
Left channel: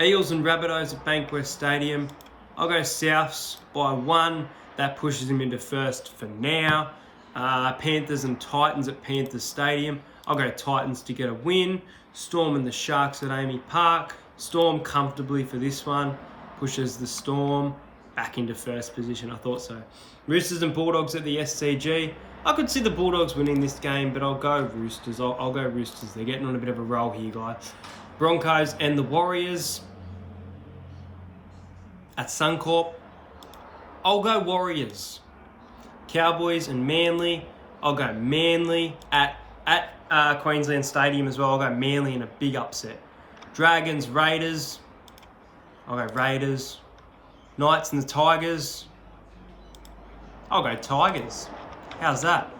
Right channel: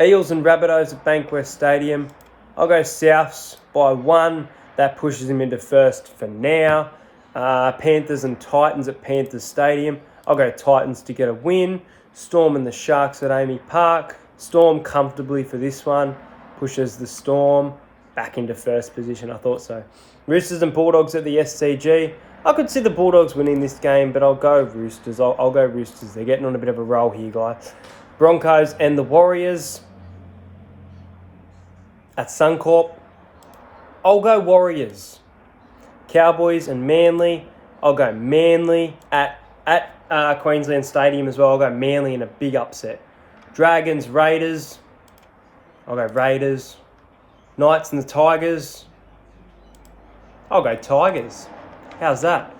Eels and Rabbitohs at Bankwest Stadium. I'll go Souths by 1. That pushes him into 1st for now. Panthers and Titans at Panthers Stadium. I'll go Titans to get a win. Storm and the Sharks at Amy Park. Storm comfortably for this one. Pushes the Storm back into 1st position. I thought so. Roosters and Bulldogs at the SCG. I could see the Bulldogs winning this game, but I'll go Roosters. I'll go Roosters. They're getting on a bit of a roll here, guys. Broncos and the Warriors at Suncorp. I'll go Warriors. Cowboys and Manly. I'll go Manly at Queensland Stadium as well. I'll go Manly in a big upset. Dragons, Raiders. I'll go Raiders. Knights and the Tigers. I'll go Tigers. How's that?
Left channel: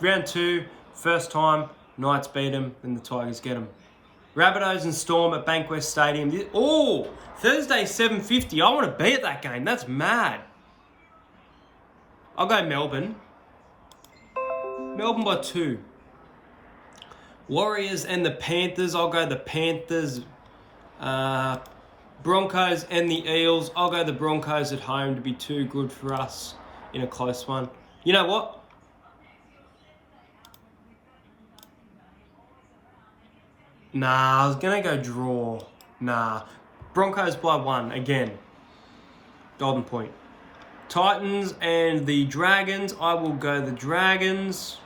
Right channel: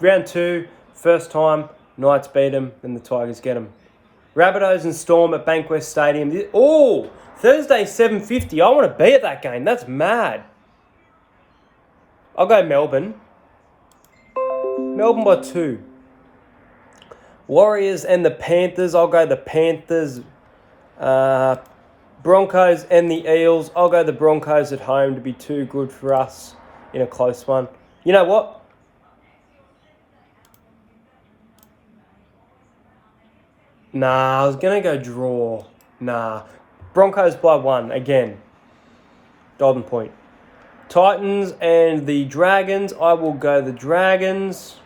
Round 2, first time, Knights beat them, then the Tigers get them. Rabbitohs and Storm at Bankwest Stadium. Oh, Thursday 7:50. I want to be at that game. That's mad. I'll go Melbourne. Melbourne by 2. Warriors and the Panthers. I'll go the Panthers. Broncos and the Eels. I'll go the Broncos at home to be too good for us in a close one. You know what? Nah, I was going to go draw. Nah. Broncos by 1 again. Golden point. Titans and the Dragons. I will go the Dragons.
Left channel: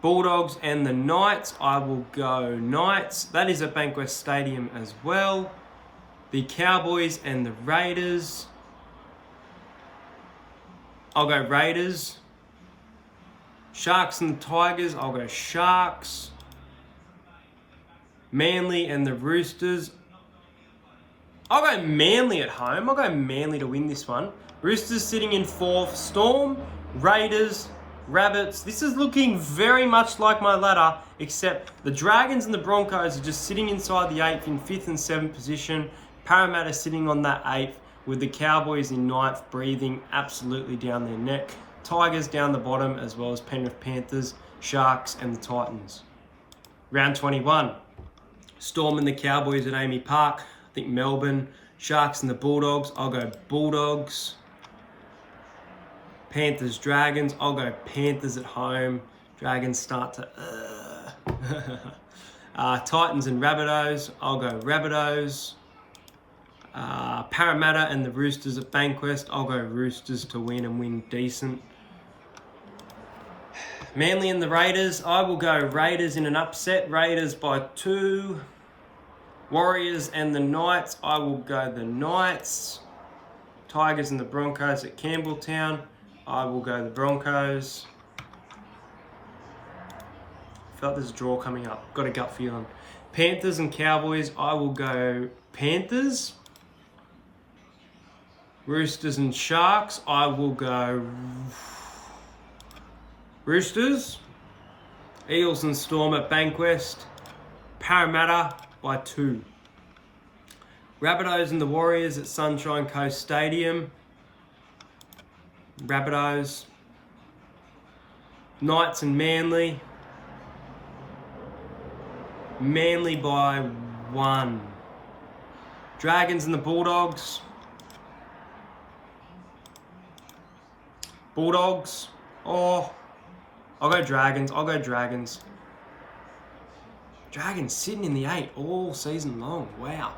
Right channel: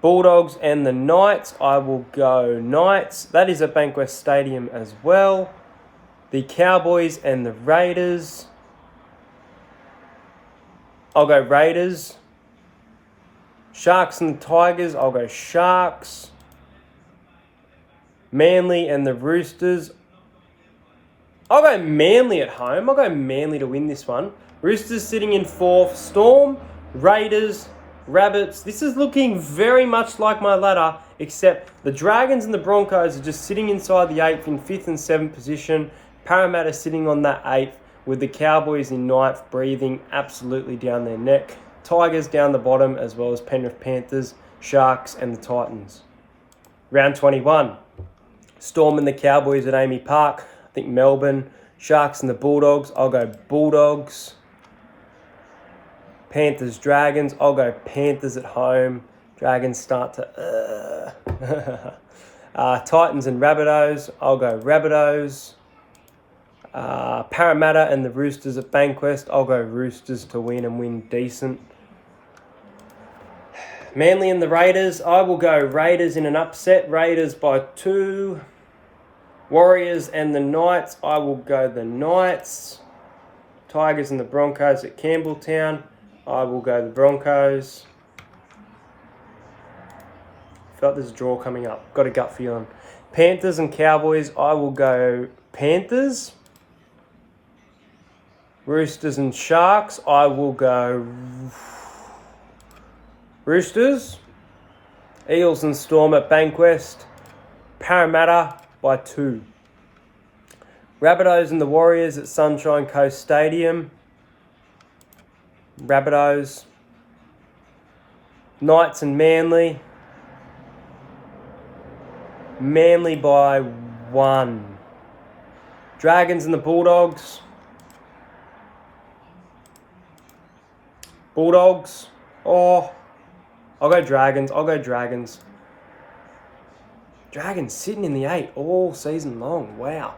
Bulldogs and the Knights. I will go Knights. That is at Bankwest Stadium as well. The Cowboys and the Raiders. I'll go Raiders. Sharks and the Tigers. I'll go Sharks. Manly and the Roosters. I'll go Manly at home. I'll go Manly to win this one. Roosters sitting in 4th. Storm, Raiders, Rabbits. This is looking very much like my ladder, except the Dragons and the Broncos are just sitting inside the 8th in 5th and 7th position. Parramatta sitting on that 8th with the Cowboys in 9th, breathing absolutely down their neck. Tigers down the bottom, as well as Penrith Panthers, Sharks and the Titans. Round 21. Storm and the Cowboys at Amy Park. I think Melbourne. Sharks and the Bulldogs. I'll go Bulldogs. Panthers, Dragons. I'll go Panthers at home. Dragons start to... Titans and Rabbitohs. I'll go Rabbitohs. Parramatta and the Roosters at Bankwest. I'll go Roosters to win and win decent. Manly and the Raiders. I will go Raiders in an upset. Raiders by 2. Warriors and the Knights. I will go the Knights. Tigers and the Broncos at Campbelltown. I will go the Broncos. Felt there's a draw coming up. Got a gut feeling. Panthers and Cowboys. I will go Panthers. Roosters and Sharks. I will go Roosters. Eels and Storm at Bankwest. Parramatta by 2. Rabbitohs and the Warriors at Sunshine Coast Stadium. Rabbitohs. Knights and Manly. Manly by 1. Dragons and the Bulldogs. Bulldogs. Oh, I'll go Dragons. I'll go Dragons. Dragons sitting in the 8 all season long. Wow.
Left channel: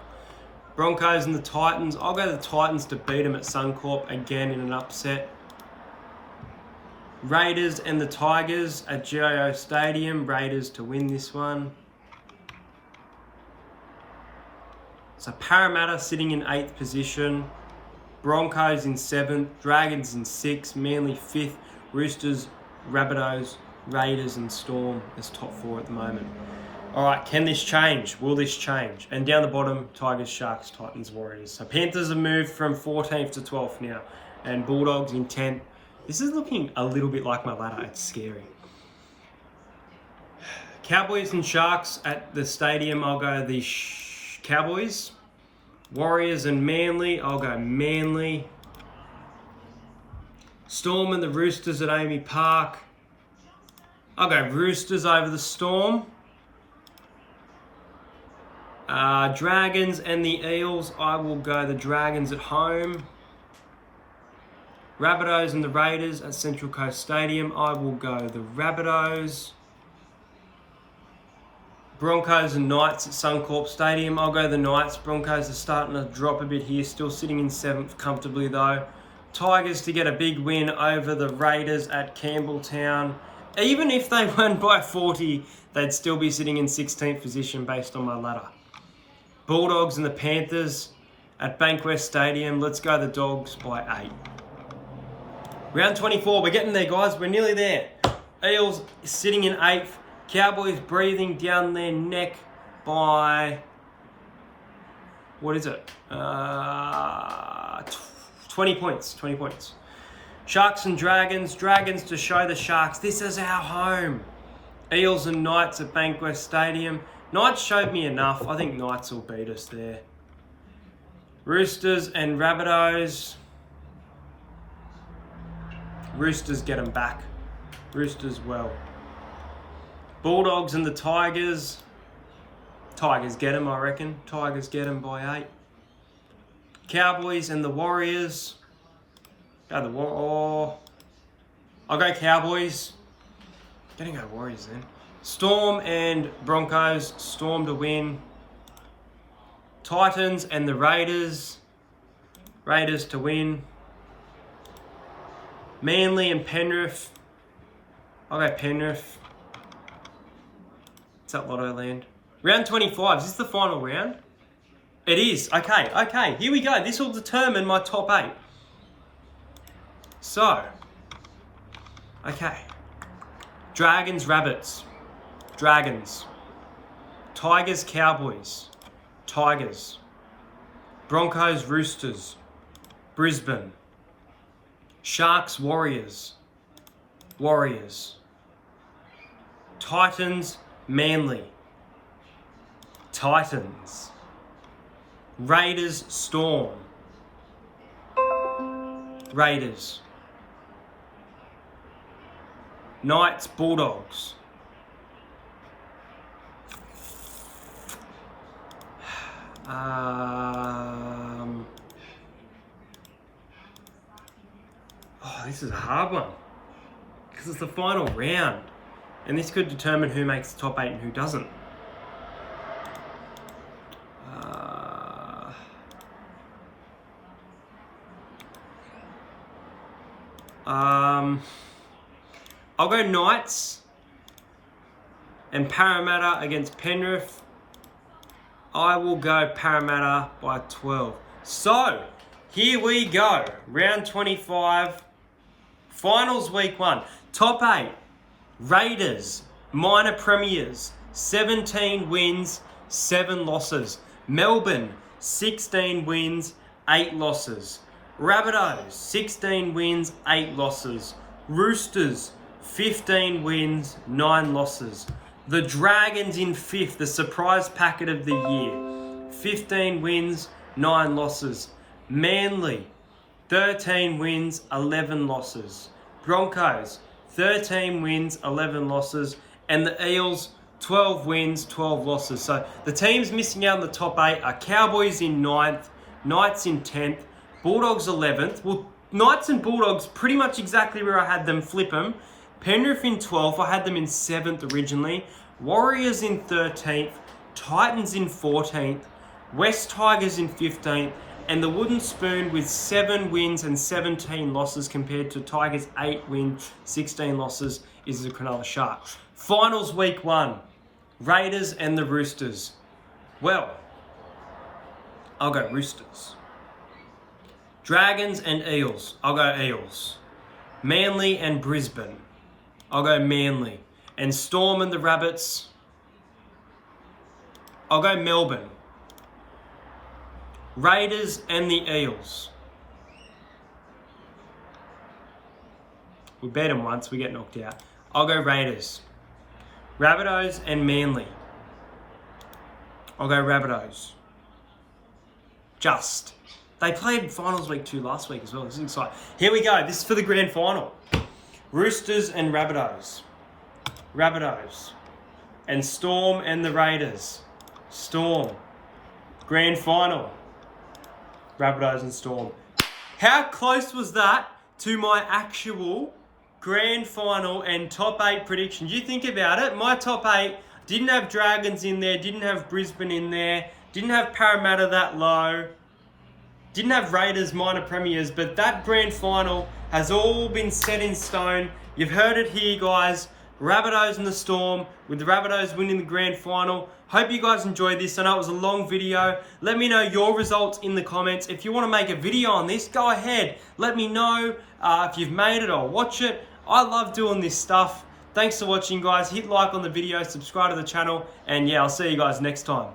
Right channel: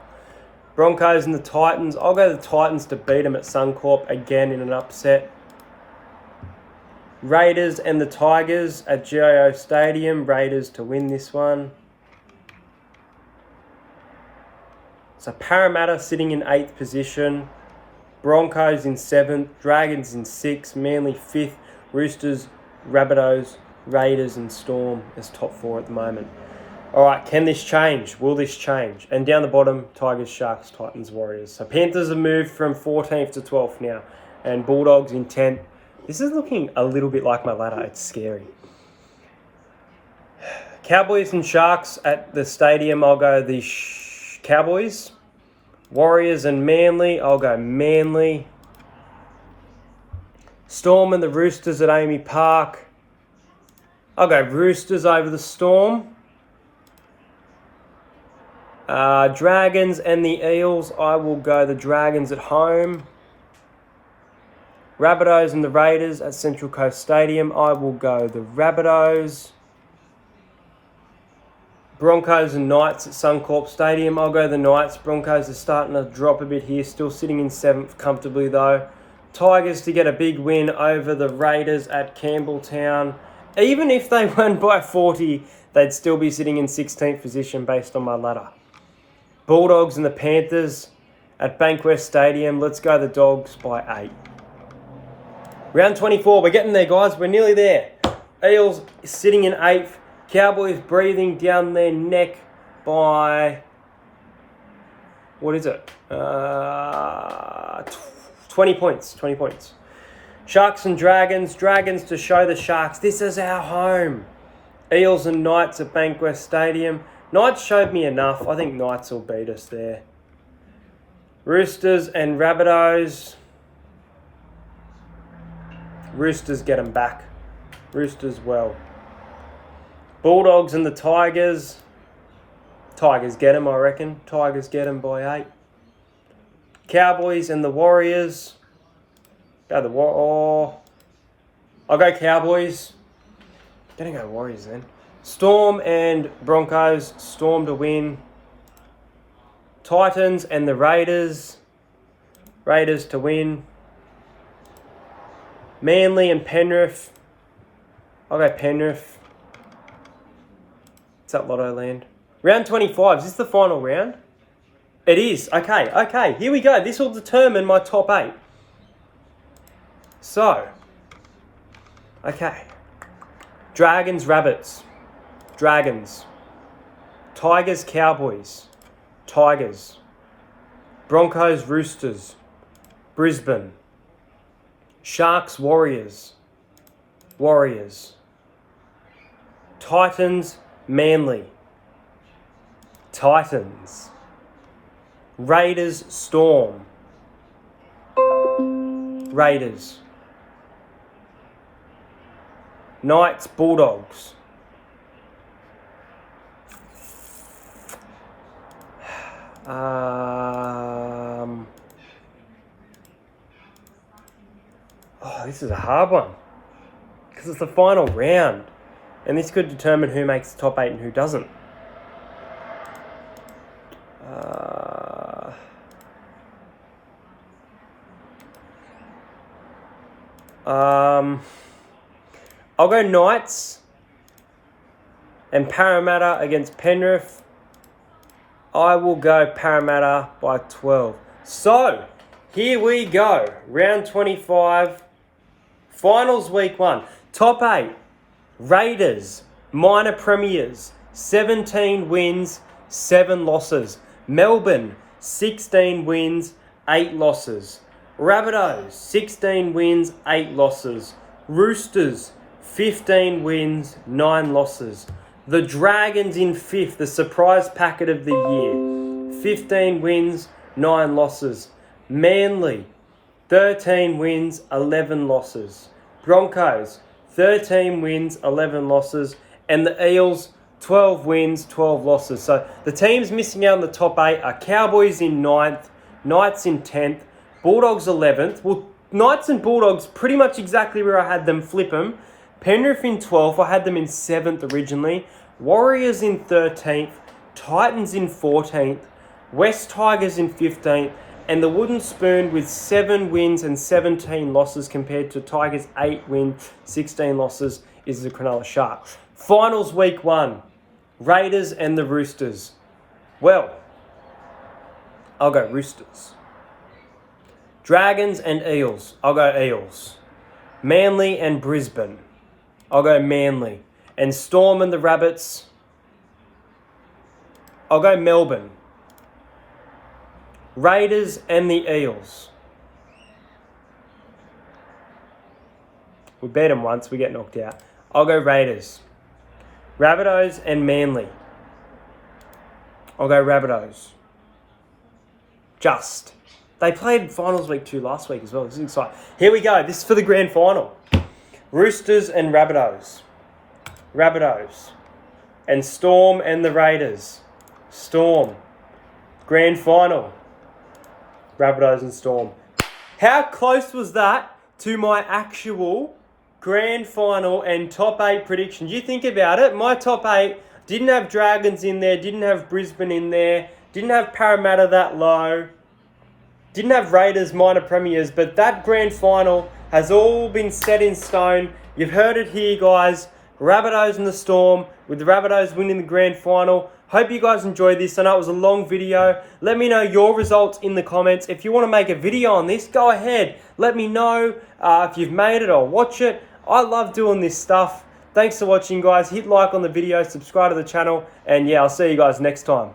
Broncos and the Titans. I'll go the Titans to beat them at Suncorp again in an upset. Raiders and the Tigers at GIO Stadium. Raiders to win this one. So Parramatta sitting in 8th position. Broncos in 7th. Dragons in 6th. Manly 5th. Roosters, Rabbitohs, Raiders and Storm as top 4 at the moment. All right, can this change? Will this change? And down the bottom, Tigers, Sharks, Titans, Warriors. So Panthers have moved from 14th to 12th now. And Bulldogs in 10th. This is looking a little bit like my ladder. It's scary. Cowboys and Sharks at the stadium. I'll go the Cowboys. Warriors and Manly. I'll go Manly. Storm and the Roosters at Amy Park. I'll go Roosters over the Storm. Dragons and the Eels. I will go the Dragons at home. Rabbitohs and the Raiders at Central Coast Stadium. I will go the Rabbitohs. Broncos and Knights at Suncorp Stadium. I'll go the Knights. Broncos are starting to drop a bit here. Still sitting in 7th comfortably though. Tigers to get a big win over the Raiders at Campbelltown. Even if they won by 40, they'd still be sitting in 16th position based on my ladder. Bulldogs and the Panthers at Bankwest Stadium. Let's go the Dogs by 8. Round 24. We're getting there, guys. We're nearly there. Eels sitting in 8th. Cowboys breathing down their neck by... What is it? 20 points. 20 points. Sharks and Dragons. Dragons to show the Sharks this is our home. Eels and Knights at Bankwest Stadium. Knights showed me enough. I think Knights will beat us there. Roosters and Rabbitohs. Roosters get them back. Roosters well. Bulldogs and the Tigers. Tigers get them, I reckon. Tigers get them by 8. Cowboys and the Warriors. I'll go Cowboys. Gonna go Warriors then. Storm and Broncos. Storm to win. Titans and the Raiders. Raiders to win. Manly and Penrith. I'll go Penrith. It's at Lotto Land. Round 25. Is this the final round? It is. Okay. Here we go. This will determine my top 8. So. Okay. Dragons, Rabbits. Dragons. Tigers, Cowboys. Tigers. Broncos, Roosters. Brisbane. Sharks, Warriors. Warriors. Titans, Manly. Titans. Raiders, Storm. Raiders. Knights, Bulldogs. This is a hard one because it's the final round, and this could determine who makes the top 8 and who doesn't. I'll go Knights and Parramatta against Penrith. I will go Parramatta by 12. So, here we go. Round 25. Finals week 1. Top 8. Raiders. Minor premiers. 17 wins, 7 losses. Melbourne. 16 wins, 8 losses. Rabbitohs. 16 wins, 8 losses. Roosters. 15 wins, 9 losses. The Dragons in 5th, the surprise packet of the year. 15 wins, 9 losses. Manly, 13 wins, 11 losses. Broncos, 13 wins, 11 losses. And the Eels, 12 wins, 12 losses. So the teams missing out in the top 8 are Cowboys in 9th, Knights in 10th, Bulldogs 11th. Well, Knights and Bulldogs pretty much exactly where I had them, flip them. Penrith in 12th, I had them in 7th originally. Warriors in 13th, Titans in 14th, West Tigers in 15th, and the Wooden Spoon with 7 wins and 17 losses compared to Tigers' 8 wins, 16 losses is the Cronulla Sharks. Finals week 1, Raiders and the Roosters. Well, I'll go Roosters. Dragons and Eels. I'll go Eels. Manly and Brisbane. I'll go Manly. And Storm and the Rabbits. I'll go Melbourne. Raiders and the Eels. We beat them once, we get knocked out. I'll go Raiders. Rabbitohs and Manly. I'll go Rabbitohs. Just. They played finals week 2 last week as well. This is exciting. Here we go. This is for the grand final. Roosters and Rabbitohs. Rabbitohs. And Storm and the Raiders. Storm. Grand final. Rabbitohs and Storm. How close was that to my actual grand final and top 8 prediction? You think about it. My top 8 didn't have Dragons in there. Didn't have Brisbane in there. Didn't have Parramatta that low. Didn't have Raiders minor premiers. But that grand final has all been set in stone. You've heard it here, guys. Rabbitohs and the Storm, with the Rabbitohs winning the grand final. Hope you guys enjoyed this. I know it was a long video. Let me know your results in the comments. If you want to make a video on this, go ahead. Let me know if you've made it or watch it. I love doing this stuff. Thanks for watching, guys. Hit like on the video, subscribe to the channel, and yeah, I'll see you guys next time.